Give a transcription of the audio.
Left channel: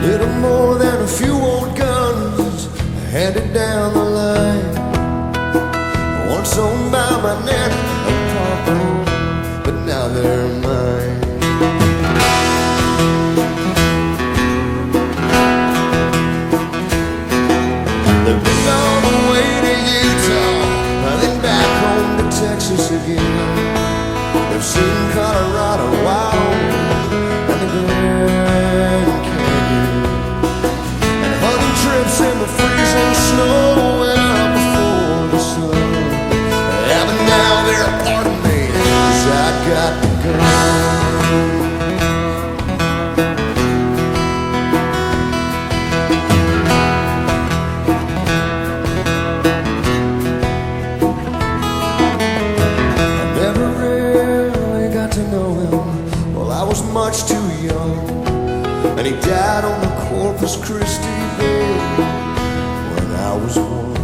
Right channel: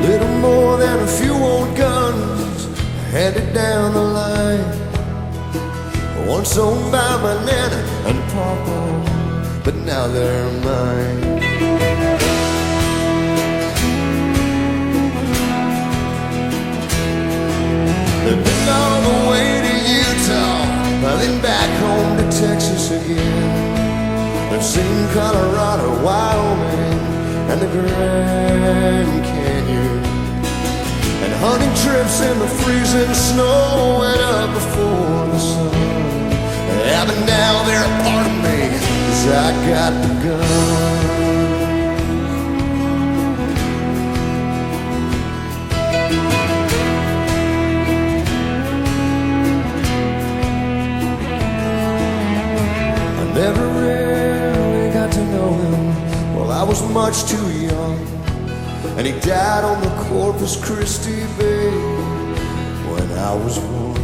little more than a few old guns handed down the line. Once owned by my nana and papa, but now they're mine. They've been all the way to Utah, then back home to Texas again. They've seen Colorado, Wyoming, and the Grand Canyon, and hunting trips in the freezing snow and up before the sun. Yeah, but now they're a part of me, 'cause I got the gun. Never really got to know him, well, I was much too young, and he died on the Corpus Christi Bay when I was one.